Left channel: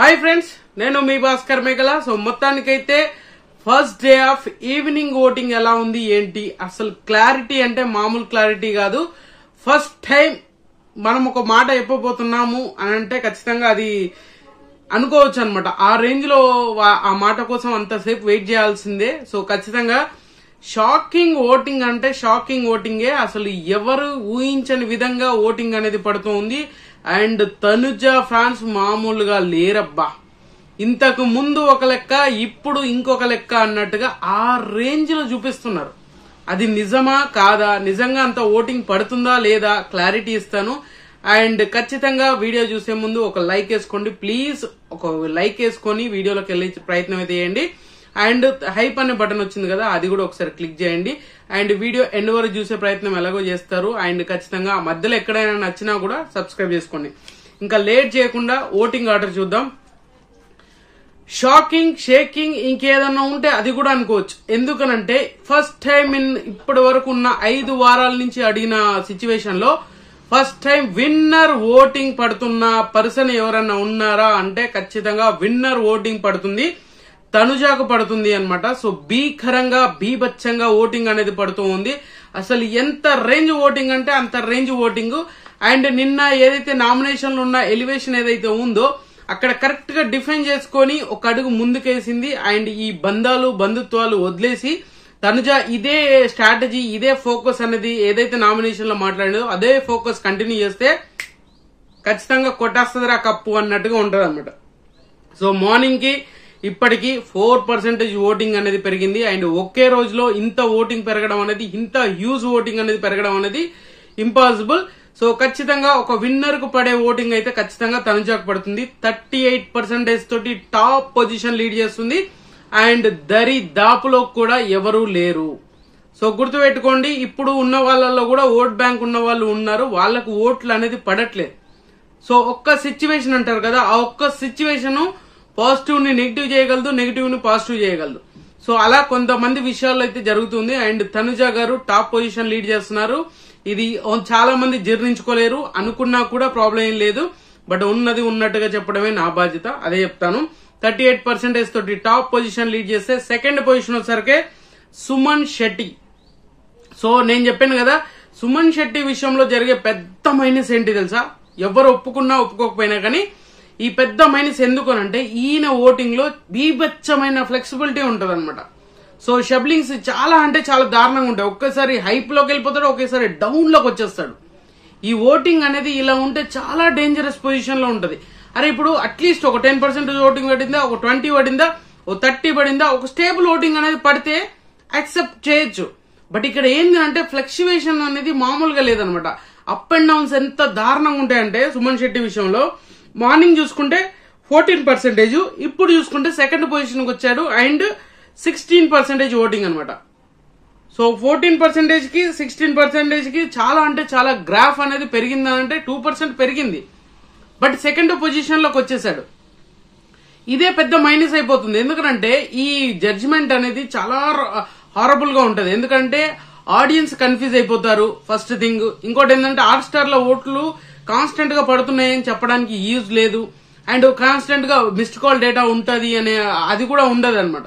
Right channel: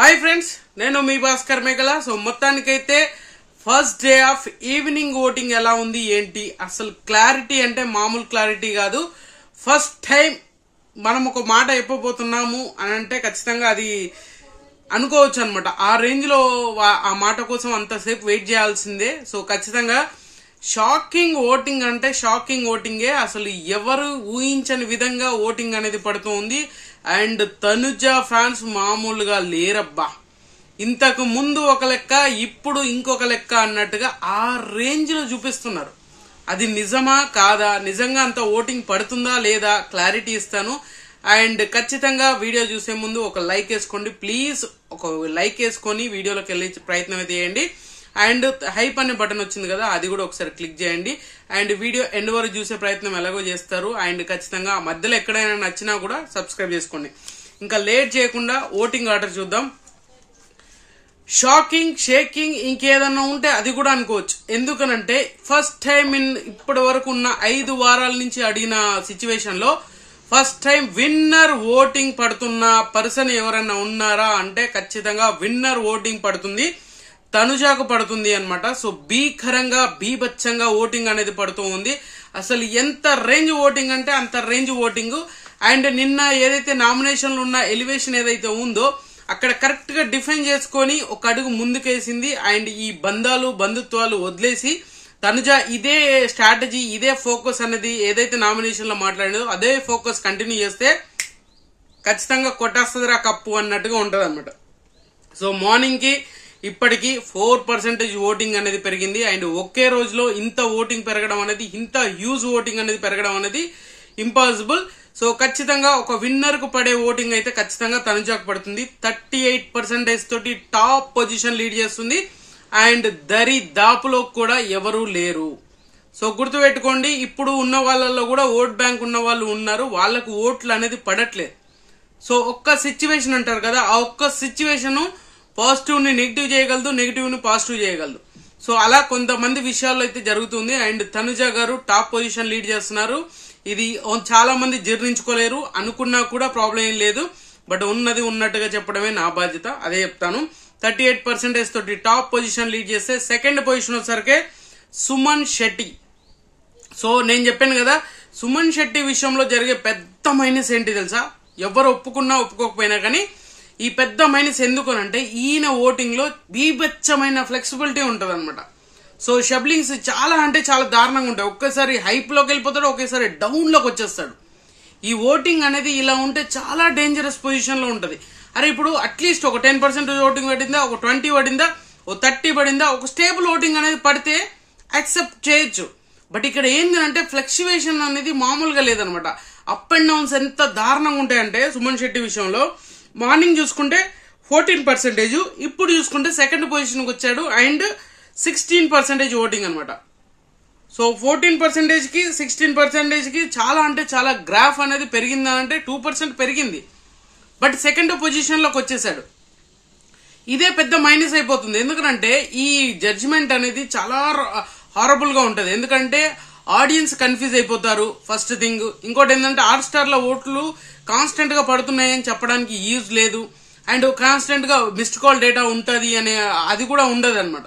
Hi friends, నేను మీ భాస్కర్ మేఘల. So మొత్తానికైతే first day of evening voting ఎలా ఉంది ఏంటి, అసలు క్లారిటీ అంటే మామూలు క్లారిటీ కాదు. ఫస్ట్ టైం మనం ఒక మాట చెప్పబోతున్నాము అని అంటే ఖచ్చితంగా అది అనుకోవచ్చు అనమాట. ఆ రేంజ్ లో ఆ మాట కోసం అంతసేపు వెయిట్ చేయాల్సిందే. సో ఖచ్చితంగా షాకింగ్ ఓటింగ్ అంటే షాకింగ్ ఓటింగే. అసలు ఎవరు ఊహించని విధంగా ఓటింగ్ అనేది పడుతూ ఉంది. అండ్ తనుజ ఫ్యాన్స్ మామూలుగా లేరబ్బా. ఇంతకు ముందు ఒక లెక్క, ఇప్పుడు ఇంకొక లెక్క అన్నట్టుగా ఆ రేంజ్ లో చూపిస్తున్నారు. అది నిజమా కాదా, నిజంగా అంత ఓటింగ్ పడుతుందా లేదా క్లారిటీ ఇస్తాను. అండ్ ఖచ్చితంగా వీడియో చూసే ముందు ఒక లైక్ వేసుకోండి ప్లీజ్. ఒక లైక్ వేసుకొని వీడియోలోకి వెళ్ళే ప్రయత్నం అయితే చేయండి. అండ్ హైప్ అనే బటన్ వచ్చింది కదా, అది కూడా ఒకసారి క్లిక్ చేయండి. అండ్ వీడియో ఎండ్ వరకు చూసే ప్రయత్నం ఎలాగో చేస్తారు. అండ్ ఖచ్చితంగా మధ్యలో ఎక్కడైనా నచ్చినా కూడా సబ్స్క్రైబ్ చేసుకోండి. ఇంకా లేట్ చేయకుండా ఓటింగ్ ఆర్డర్ చూద్దాం. షాకింగ్, షేకింగ్ ఇంకేదన్నా ఉంటే అది కూడా అనుకోవచ్చు. ఎందుకనంటే ఫస్ట్ టైం ఇప్పటి వరకు ఉన్న 5 వారాల నుంచి అడిగిన సిచ్యువేషన్ లో ఫస్ట్ టైం విన్నర్ ఓటింగ్ పడుతున్న పర్సన్ ఎవరైనా ఉన్నారా అంటే ఖచ్చితంగా విన్నర్ ఓటింగ్ పడుతుంది, తనుజాకు పడుతుంది అన్నమాట. సో భీకరంగా బీభత్సంగా ఓటింగ్ అనేది పడుతూ ఉంది. అసలు ఎంత రేంజ్ ఓటింగ్ అంటే అంత రేంజ్ ఓటింగ్. అండ్ నిన్న ఏదైతే నామినేషన్లు ఉన్న ఎలివేషన్ ఏదైతే ఉందో అక్కడ కరెక్ట్ గా డిఫైన్ చేసుకొని ఒక అడుగు ముందుకేసింది. అండ్ ఈ బంధుత్వాలు వదిలేసి తనుజ ఇదే స్ట్రాటజీ, ఇదే ఫోకస్ అనేది ఏదైతే నామినేషన్ లో మాట్లాడిందో అదే ఫోకస్ కంటిన్యూ చేస్తే ఖచ్చితంగా కొట్టేస్తుందిరా కప్పు అన్నట్టుగా ఉంటది అనమాట. సో మార్నింగ్ కి ఇప్పటికి 4% ఓటింగ్ అనేది పెరిగింది. అండ్ ఒకే రోజులో ఇంత ఓటింగ్ పెరగడం అనేది, ఇంత హ్యూజ్ ఓటింగ్ అనేది పెరగడం అనేది ఇంపాసిబుల్. సో ఖచ్చితంగా ఒక విన్నర్ కు పడే ఓటింగ్ అయితే ఖచ్చితంగా తనుజాకు పడుతుంది. 38% తోటి టాప్ పొజిషన్ లీడ్ చేస్తుంది. అండ్ దరిదాపులో కూడా ఎవరూ లేరు. సో గుర్తుపెట్టుకోండి, ఇప్పుడు ఉన్న వాళ్ళలో కూడా ఓట్ బ్యాంక్ ఉన్న వాళ్ళు ఉన్నారు, వాళ్ళకు ఓట్లు అనేది పడట్లేదు. సో ఒక్క సిచ్యువేషన్ అంటారు కదా, ఆ ఒక్క సిచ్యువేషన్ పాజిటివ్ ని నెగిటివ్ చేయగలదు, నెగిటివ్ ని పాజిటివ్ చేయగలదు. సో అలా కొంతమంది విషయాల్లో అయితే జరుగుతుంది. అండ్ తనుజ గారు టాప్ పొజిషన్ లీడ్ చేస్తున్నారు. ఇది చాలా మంది జీర్ణించుకోలేరు, అనుకున్నా కూడా ప్రాబ్లం ఏం లేదు. బట్ ఉన్నది ఉన్నట్టుగా చెప్పడమే నా బాధ్యత, అదే చెప్తాను. 38% తోటి టాప్ పొజిషన్ లీడ్ చేస్తే సెకండ్ పొజిషన్ వచ్చేసరికి సుమన్ శెట్టి. సో నేను చెప్పాను కదా, సుమన్ శెట్టి విషయంలో జరిగే పెద్ద మైనస్ ఏంటి తెలుసా? ఎవరు ఒప్పుకున్నా ఒప్పుకోకపోయినా కానీ ఈ పెద్ద మైనస్ ఎందుకనంటే ఈయన ఓటింగ్ లో బీభత్సమైన ఫ్లెక్సిబిలిటీ ఉంటది అనమాట. సో షబ్లింగ్స్ చాలా అంటే చాలా దారుణంగా ఉంటాయి. ఒక్కసారి హైప్ లోకి వెళ్ళిపోతాడు, ఒకేసారి డౌన్ లోకి వచ్చేస్తాడు. ఈ ఓటింగ్ అనేది ఇలా ఉంటే చాలా డేంజరస్ పొజిషన్ లో ఉంటది. అరే ఇప్పుడు అట్లీస్ట్ ఒక 10% ఓటింగ్ పడిందా, ఒక 20 పడిందా, ఒక 30 పడిందా, ఒక స్టేబుల్ ఓటింగ్ అనేది పడితే యాక్సెప్ట్ చేయొచ్చు. బట్ ఇక్కడ ఏంటంటే ఫ్లక్చువేషన్ అనేది మామూలుగా లేదనమాట. అప్ అండ్ డౌన్స్ ఎంత దారుణంగా ఉంటాయంటే సుమన్ శెట్టి విషయంలో మార్నింగ్ చూసుకుంటే 14%, ఇప్పుడు చూసుకుంటే సెకండ్ పొజిషన్ కి వచ్చాడు. అండ్ 16% ఓటింగ్ అనమాట. సో 14% కి 16% కి చాలా అంటే చాలా గ్రాఫ్ అనేది పెరిగిందనంటే 2% పెరిగింది. బట్ సెకండ్ పొజిషన్ లోకి వచ్చేసాడు. ఇదే పెద్ద మైనస్ అయిపోతుంది. ఎందుకంటే ఈ జడ్జిమెంట్ అనేది చాలా హారబుల్ గా ఉంటది. ఎందుకంటే ఆడియన్స్ కన్ఫ్యూజ్ అయిపోతారు ఫస్ట్ థింగ్. ఇంకోటి ఏంటంటే హాట్ స్టార్ లో ఓట్లు కాన్స్టెంట్ గా పడుతున్నాయని చెప్పడానికి యూజ్ లేదు. అండ్ కాన్స్టెంట్ గా మిస్డ్ కాల్ డేటా ఉంటది అనే అది కూడా ఉండదు అనమాట.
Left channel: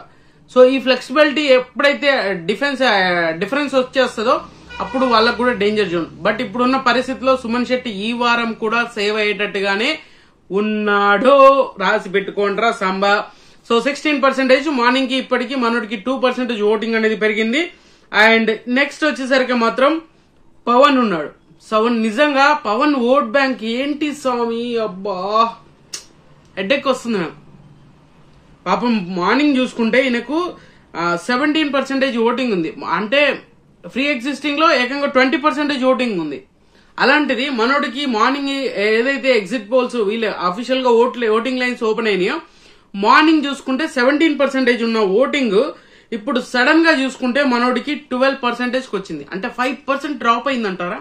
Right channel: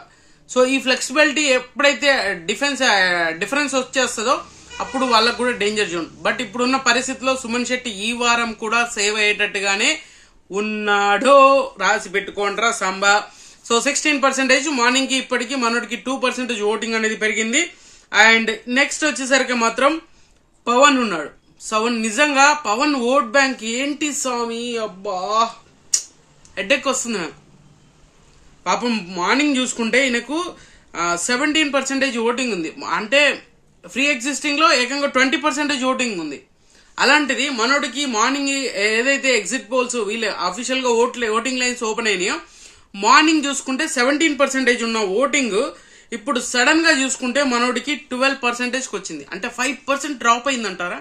సో ఈ ఫ్లెక్సిబిలిటీ ఎప్పుడైతే డిఫరెన్స్ వచ్చేస్తుందో అప్పుడు వాళ్ళకు కూడా డేంజర్ జోన్. బట్ ఇప్పుడున్న పరిస్థితిలో సుమన్ శెట్టి ఈ వారం కూడా సేవ్ అయ్యేటట్టుగానే ఉన్నాడో రాసి పెట్టుకోండిరా సంబా. సో 16% మార్నింగ్ కి ఇప్పటికి మనోడికి 2% ఓటింగ్ అనేది పెరిగింది. అండ్ నెక్స్ట్ వచ్చేసరికి మాత్రం పవన్ ఉన్నాడు. సో నిజంగా పవన్ ఓట్ బ్యాంక్ ఏంటి స్వామి, అబ్బా హెడ్ఏక్ వస్తుంది నాకు. పాపం మార్నింగ్ చూసుకుంటే ఈయనకు 17% ఓటింగ్ ఉంది. అంటే ఫ్రీ ఎగ్జిస్టింగ్ లో ఏకంగా 20% ఓటింగ్ ఉంది. అలాంటిది మనోడికి మార్నింగ్ ఏదైతే ఎగ్జిట్ పోల్స్ వీళ్ళు అఫీషియల్ గా ఓటింగ్ లైన్స్ ఓపెన్ అయినాయో మార్నింగ్ చూసుకుంటే 17% ఉన్న ఓటింగ్ ఇప్పుడు సడన్ గా చూసుకుంటే మనోడికి 12% వచ్చింది. అంటే 5% డ్రాప్ అయిందంటారా?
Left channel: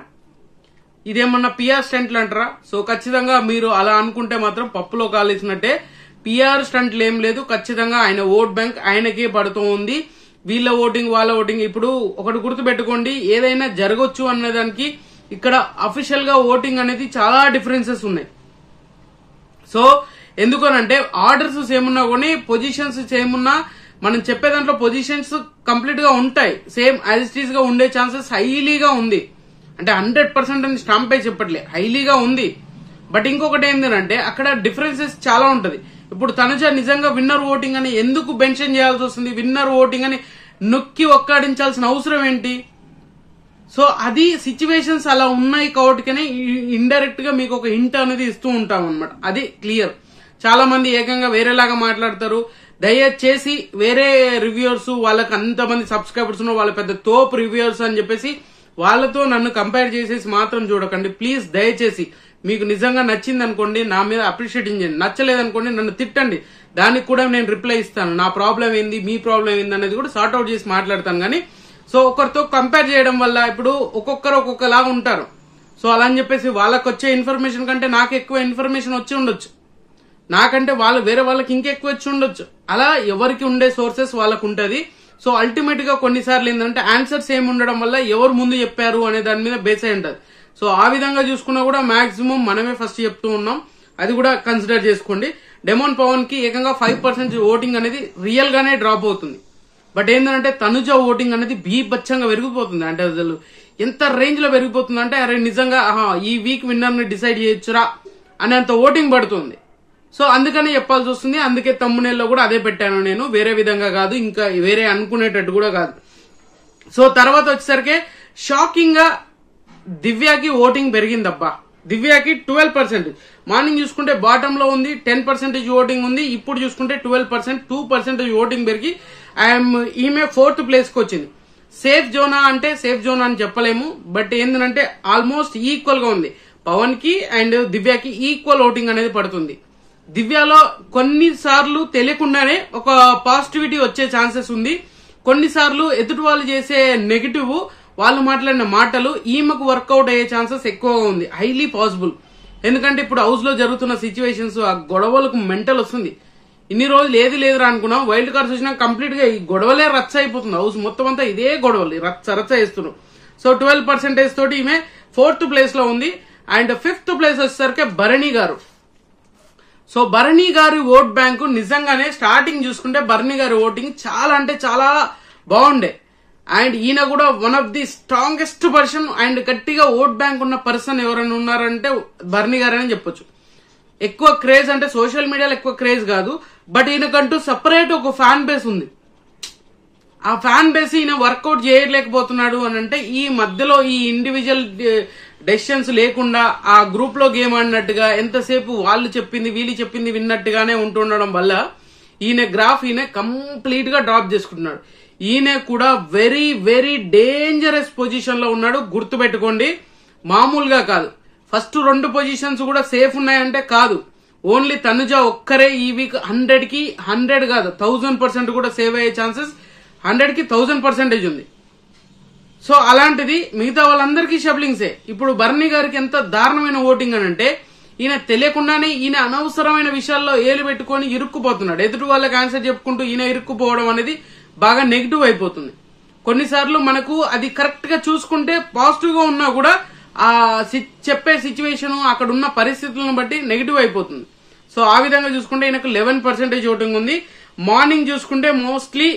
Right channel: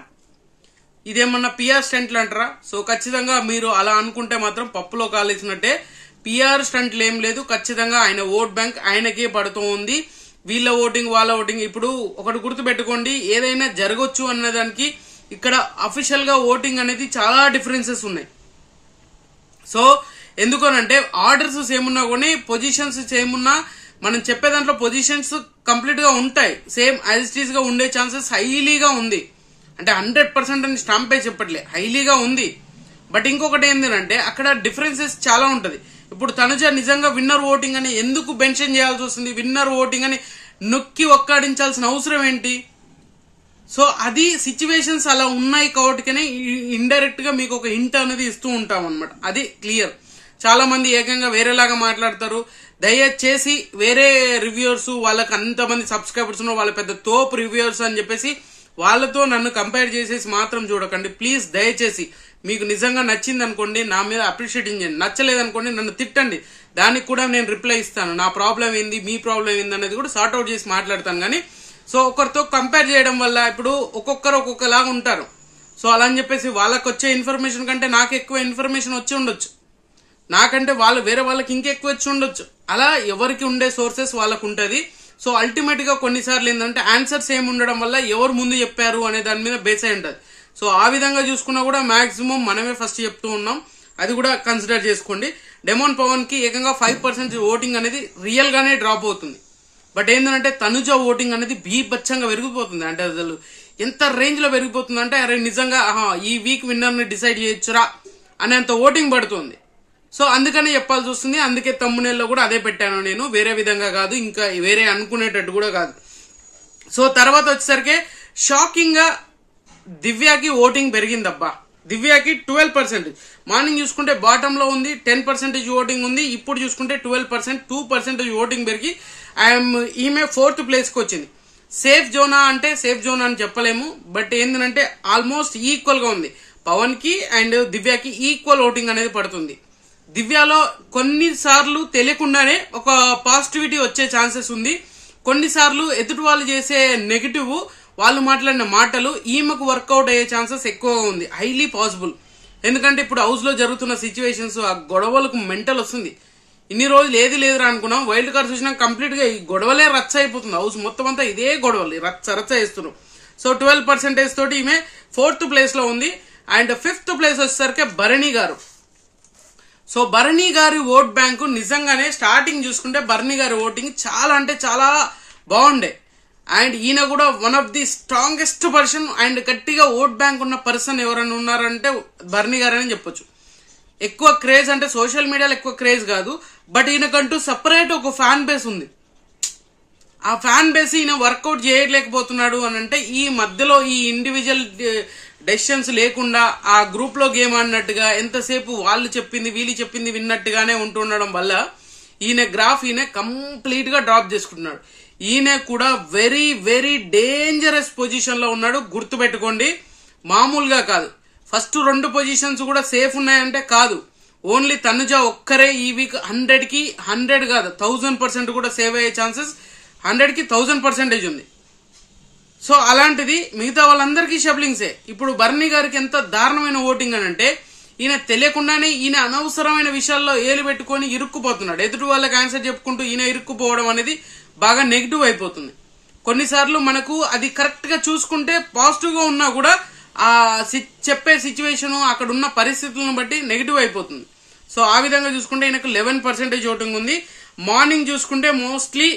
ఇదేమన్నా పిఆర్ స్టంట్లు అంటారా? సో ఖచ్చితంగా మీరు అలా అనుకుంటే మాత్రం పప్పులో కాలేసినట్టే. పిఆర్ స్టంట్లు ఏం లేదు, ఖచ్చితంగా ఆయన ఓట్ బ్యాంక్ ఆయనకే పడుతూ ఉంది. వీళ్ళ ఓటింగ్ వాళ్ళ ఓటింగ్. ఇప్పుడు ఒకటి గుర్తు పెట్టుకోండి, ఏదైనా జరగొచ్చు అన్నదానికి ఇక్కడ అఫీషియల్ గా ఓటింగ్ అనేది చాలా డిఫరెన్సెస్ ఉన్నాయి. సో ఎందుకనంటే ఆర్డర్స్ సేమ్ ఉన్నా కానీ పొజిషన్స్ సేమ్ ఉన్నా మనం చెప్పే దాంట్లో పొజిషన్స్ కంప్లీట్ గా ఉంటాయి, సేమ్ యాజ్ ఇట్ ఈస్ గా ఉండే ఛాన్సెస్ హైలీగా ఉంది. అంటే 100% అని స్టాంప్ అయి చెప్పట్లే, హైలీగా ఉంది. బట్ ఇంకొకటి ఏంటంటే అక్కడ డిఫరెన్సెస్ చాలా ఉంటది. ఇప్పుడు తనుజ నిజంగా విన్నర్ ఓటింగ్ అని ఎందుకు మెన్షన్ చేయాల్సి వస్తుంది, విన్నర్ ఓటింగ్ అని నొక్కి ఒక్కాడించాల్సిన అవసరం ఏంటి? సో అది సిచ్యువేషన్స్ అలా ఉన్నాయి కాబట్టినే ఇండైరెక్ట్ గా మీకు ఒక హింట్ అనేది ఇస్తూ ఉంటాం అనమాట. అది క్లియర్. చాలా మంది ఏకంగా వేరేలాగా మాట్లాడతారు. దయచేసి వేరే రివ్యూవర్స్ వాళ్ళకి అంతమంది సబ్స్క్రైబర్స్ ఉన్న వాళ్ళ పెద్ద తోపు రివ్యూవర్స్ అని చెప్పేసి వాళ్ళతో నన్ను కంపేర్ చేసేసి మాత్రం చూడకండి ప్లీజ్. దయచేసి మీకు నిజంగా నచ్చింది అనుకోండి నా మీద అప్రిషియేటింగ్ చేయండి, నచ్చలేదనుకోండి నన్ను తిట్టండి, దానికి కూడా నేను రిప్లై ఇస్తాను. నా ప్రాబ్లం ఏంది మీ ప్రాబ్లం ఏంది అనేది కూడా సార్ట్ అవుట్ చేసి మాట్లాడతాను. కానీ సో ఒకరితో కంపేర్ చేయడం వల్ల ఇప్పుడు ఒక్కొక్కరు ఒక్కొక్కలాగా ఉంటారు. సో అలా అని చెప్పేసి వాళ్ళకి వచ్చే ఇన్ఫర్మేషన్ కంటే నాకు ఎక్కువ ఇన్ఫర్మేషన్ వచ్చి ఉండొచ్చు, నాకంటే వాళ్ళు వేరే వాళ్ళకి ఇంకెక్కువ వచ్చి ఉండొచ్చు. అలా ఎవరికి ఉండే సోర్సెస్ వాళ్ళకు ఉంటది. సో అల్టిమేట్ గా కొన్నిసార్లు ఏంటంటే ఆన్సర్స్ ఏమి ఉండడం వల్ల ఎవరు ముందు చెప్పారు అనే దాని మీద బేస్ అయి ఉంటది. సో ఆ విధంగా చూసుకున్నా కూడా మాక్సిమం మనమే ఫస్ట్ చెప్తూ ఉన్నాం, అది కూడా కన్సిడర్ చేసుకోండి. డెమోన్ పవన్ కి ఏకంగా 5% ఓటింగ్ అనేది రియల్ గానే డ్రాప్ అవుతుంది. బట్ ఏంటంటే తనుజ ఓటింగ్ అనేది బీభత్సంగా పెరిగిపోతుంది. అంటే అసలు ఎంత రేంజ్ లో పెరిగిపోతుంది అంటే అరే నిజంగా ఈ వీక్ విన్నర్ ని డిసైడ్ చేయొచ్చురా అనేంత ఓటింగ్ పడుతుంది. సో అందుకనే చెప్పాల్సి వస్తుంది. అందుకే తమ్మునేల్లో కూడా అదే పెట్టాను నేను, వేరే విధంగా కాదు, ఇంకా వేరే అనుకునేటట్టు కూడా కాదు. సో తర్వాత వచ్చేసరికి షాకింగ్ గా దివ్యాకి ఓటింగ్ పెరిగిందబ్బా. దివ్యాకి 12%. మార్నింగ్ చూసుకుంటే బాటమ్ లో ఉంది, 10% ఓటింగ్ ఉంది. ఇప్పుడు చూసుకుంటే 12%, 2% ఓటింగ్ పెరిగి ఈమె 4th ప్లేస్ కి వచ్చింది. సేఫ్ జోనా అంటే సేఫ్ జోనా అని చెప్పలేము, బట్ ఏంటంటే ఆల్మోస్ట్ ఈక్వల్ గా ఉంది. పవన్ కి అండ్ దివ్యాకి ఈక్వల్ ఓటింగ్ అనేది పడుతుంది. దివ్యాలో కొన్నిసార్లు తెలియకుండానే ఒక పాజిటివిటీ వచ్చే ఛాన్సెస్ ఉంది. కొన్నిసార్లు ఎదుటి వాళ్ళు చేసే నెగిటివ్, వాళ్ళు మాట్లాడిన మాటలు ఈమెకు వర్కౌట్ అయ్యే ఛాన్సెస్ ఎక్కువగా ఉంది, హైలీ పాసిబుల్. ఎందుకంటే ఇప్పుడు హౌస్ లో జరుగుతున్న సిచ్యువేషన్స్, ఆ గొడవలకు మెంటల్ వస్తుంది. ఇన్ని రోజులు ఏది లేదురా అనుకున్నాం, వైల్డ్ కార్డ్స్ వచ్చినా కంప్లీట్ గా ఈ గొడవలే రచ్చ అయిపోతుంది. హౌస్ మొత్తం అంతా ఇదే గొడవలు రచ్చ వేస్తున్నాం. సో 12% తోటి ఈమె 4th ప్లేస్ లో ఉంది. అండ్ 5th ప్లేస్ వచ్చేసరికి భరణి గారు. సో భరణి గారి ఓట్ బ్యాంకు నిజంగానే స్టార్టింగ్ చూసుకుంటే భరణి గారి ఓటింగ్ చాలా అంటే చాలా బాగుండే. అండ్ ఈయన కూడా one of the strongest person and గట్టిగా ఓట్ బ్యాంక్ ఉన్న పర్సన్ ఎవరైనా ఉన్నారంటే భరణి గారని చెప్పొచ్చు. ఎక్కువ క్రేజ్ అంటే సోషల్ మీడియాలో ఎక్కువ క్రేజ్ కాదు, బట్ ఈయనకంటూ సపరేట్ ఒక ఫ్యాన్ బేస్ ఉంది. ఆ ఫ్యాన్ బేస్ ఈయన వర్కౌట్ చేయలేకపోతున్నాడు అని అంటే ఈ మధ్యలో ఈ ఇండివిజువల్ డెసిషన్స్ లేకుండా ఆ గ్రూప్ లో గేమ్ ఆడినట్టుగా ఎంతసేపు వాళ్ళు చెప్పింది వీళ్ళు చెప్పింది విన్నట్టుగానే ఉంటుండడం వల్ల ఈయన గ్రాఫ్ ఈయన కంప్లీట్ గా డ్రాప్ చేసుకుంటున్నాడు. ఈయన కూడా వెరీ వెరీ డేంజరస్ పొజిషన్ లో ఉన్నాడు, గుర్తుపెట్టుకోండి. మామూలుగా కాదు. ఫస్ట్ 2 పొజిషన్స్ కూడా సేఫ్ ఉన్నాయంటే కాదు, ఓన్లీ తనుజ ఒక్కరే ఈ వీక్ 100కి 100 కాదు 1000% కూడా సేవ్ అయ్యే ఛాన్సెస్ 100కి 1000% ఉంది. సో అలాంటిది మిగతా వాళ్ళందరికీ షబ్లింగ్సే. ఇప్పుడు భరణి గారికి ఎంత దారుణమైన ఓటింగ్ అని అంటే ఈయన తెలియకుండానే ఈయన అనవసరమైన విషయాల్లో ఏలు పెట్టుకుని ఇరుక్కుపోతున్నాడు. ఎదుటి వాళ్ళకి ఆన్సర్ చెప్పుకుంటూ ఈయన ఇరుక్కుపోవడం అనేది బాగా నెగిటివ్ అయిపోతుంది. కొన్నిసార్లు మనకు అది కరెక్ట్ గా చూసుకుంటే పాజిటివ్ గా ఉన్నా కూడా ఆ చెప్పే సిచ్యువేషన్ అక్కడ ఉన్న పరిస్థితులను బట్టి నెగిటివ్ అయిపోతుంది. సో ఆ విధంగా చూసుకుంటే ఈయనకు 11% ఓటింగ్ ఉంది. మార్నింగ్ చూసుకుంటే మోస్ట్లీ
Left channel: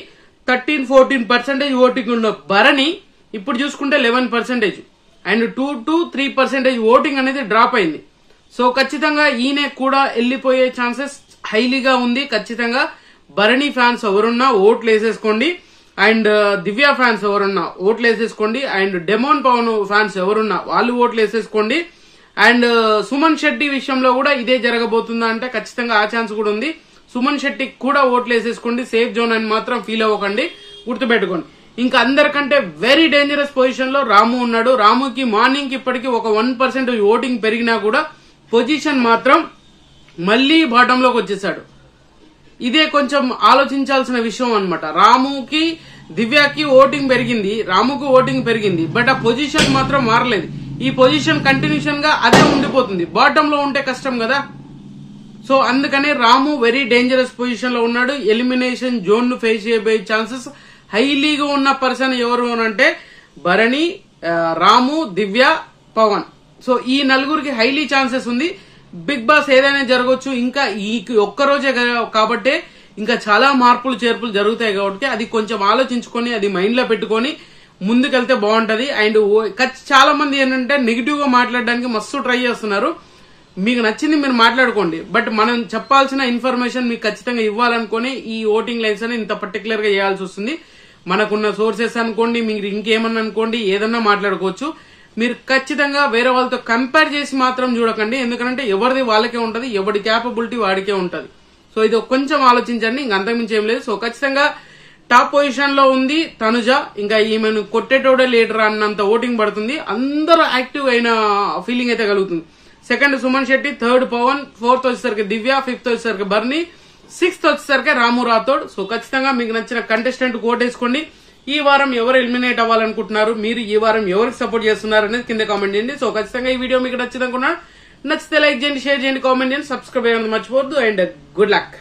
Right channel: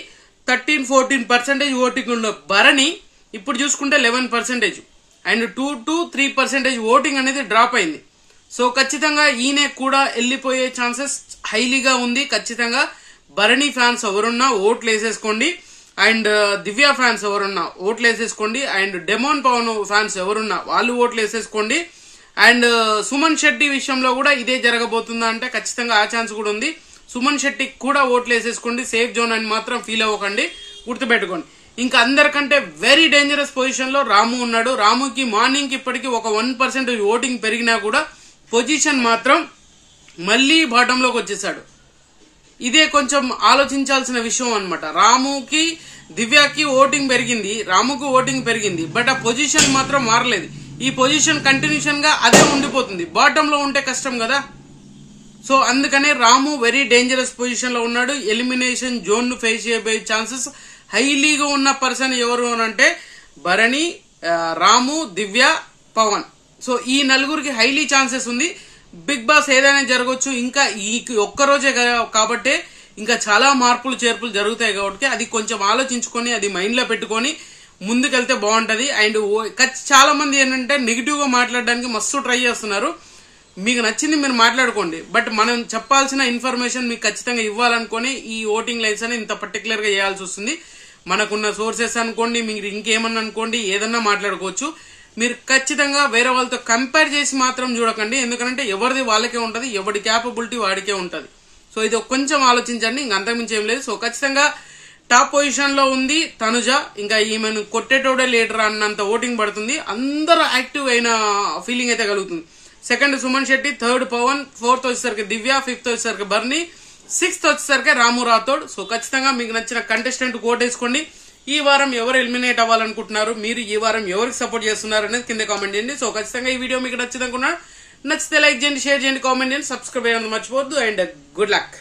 13-14% ఓటింగ్ ఉన్న భరణి ఇప్పుడు చూసుకుంటే 11% అండ్ 2-3% ఓటింగ్ అనేది డ్రాప్ అయింది. సో ఖచ్చితంగా ఈయన కూడా వెళ్లిపోయే ఛాన్సెస్ హైలీగా ఉంది. ఖచ్చితంగా భరణి ఫ్యాన్స్ ఎవరున్నా ఓట్లు వేసేసుకోండి, అండ్ దివ్య ఫ్యాన్స్ ఎవరున్నా ఓట్లు వేసేసుకోండి, అండ్ డెమోన్ పవన్ ఫ్యాన్స్ ఎవరున్నా వాళ్ళు ఓట్లు వేసేసుకోండి. అండ్ సుమన్ శెట్టి విషయంలో కూడా ఇదే జరగబోతుందా అంటే ఖచ్చితంగా ఆ ఛాన్స్ కూడా ఉంది. సుమన్ శెట్టికి కూడా ఓట్లు వేసేసుకోండి, సేఫ్ జోన్ అని మాత్రం ఫీల్ అవ్వకండి, గుర్తుపెట్టుకోండి. ఇంకా అందరికంటే వెరీ డేంజరస్ పొజిషన్ లో రాము ఉన్నాడు. రాముకి మార్నింగ్ కి ఇప్పటికీ ఒక 1% ఓటింగ్ పెరిగినా కూడా పొజిషన్ మాత్రం మళ్లీ బాటమ్ లోకి వచ్చేసాడు. ఇదే కొంచెం ఆలోచించాల్సిన విషయం అన్నమాట. రాముకి దివ్యకి ఓటింగ్ పెరిగింది, రాముకు ఓటింగ్ పెరిగింది, బట్ ఆ పొజిషన్ మాత్రం మారలేదు. ఈ పొజిషన్ కంటిన్యూషన్ గా అదే ఉండిపోతుంది. బాటమ్ లో ఉంటే కష్టం కదా. సో అందుకనే రాము వెరీ డేంజరస్ పొజిషన్ లో ఉన్నాడు. ఎలిమినేషన్ జోన్ ను ఫేస్ చేయబోయే ఛాన్సెస్ హైలీగా ఉన్న పర్సన్ ఎవరు అంటే భరణి, రాము, దివ్య, పవన్. సో ఈ నలుగురికి హైలీ ఛాన్సెస్ ఉంది. బిగ్ బాస్ ఏదైనా జరగవచ్చు. ఇంకా ఈ ఒక్కరోజే కాబట్టి ఇంకా చాలా మార్పులు చేర్పులు జరుగుతాయి కాబట్టి అది కొంచెం ఆలోచించుకొని అది మైండ్ లో పెట్టుకొని ముందుకెళ్తే బాగుంటది. అండ్ చాలా మంది ఏంటంటే నెగిటివ్ గా మాట్లాడడానికి మస్తు ట్రై చేస్తున్నారు. మీకు నచ్చింది మీరు మాట్లాడుకోండి, బట్ మనం చెప్పాల్సిన ఇన్ఫర్మేషన్ మీకు ఖచ్చితంగా ఇవ్వాలనుకుని ఈ ఓటింగ్ లైన్స్ అని ఇంత పర్టికులర్ గా చేయాల్సి వస్తుంది. మనకున్న సోర్సెస్ అనుకోండి, మీరు ఇంకేమన్నా అనుకోండి, ఏదన్నా మాట్లాడుకోవచ్చు. మీరు ఖచ్చితంగా వేరే వాళ్ళతో కంపేర్ చేసి మాత్రం చూడకండి, ఎందుకంటే ఎవరిది వాళ్ళకే ఉంటది, ఎవరి క్యాపబిలిటీ వాడికే ఉంటది. సో ఇది కొంచెం ఆలోచించండి, ఇంక అంతకుమించి ఏం లేదు. సో ఖచ్చితంగా టాప్ పొజిషన్ లో ఉంది తనుజ. ఇంకా ఈమెను కొట్టేటోడే లీడర్ అన్నంత ఓటింగ్ పడుతుంది. అందరూ యాక్టివ్ అయిన ఫీలింగ్ అయితే కలుగుతుంది. Second Suman Shetty, third Pavan, fourth వచ్చేసరికి దివ్య, ఫిఫ్త్ వచ్చేసరికి బర్నీ, సిక్స్త్ వచ్చేసరికి రాము రాథోడ్. సో ఖచ్చితంగా మీకు నచ్చిన కంటెస్టెంట్ ఓటేసుకోండి. ఈ వారం ఎవరు ఎలిమినేట్ అవ్వాలనుకుంటున్నారు, మీరు ఈ వారం ఎవరికి సపోర్ట్ చేస్తున్నారు అనేది కింద కామెంట్ చేయండి. సో ఖచ్చితంగా ఈ వీడియో మీకు నచ్చింది అనుకున్నాను. నచ్చితే లైక్ చేయండి, షేర్ చేయండి, కామెంట్ చేయండి, సబ్స్క్రైబ్ చేయండి మర్చిపోవద్దు. And good luck.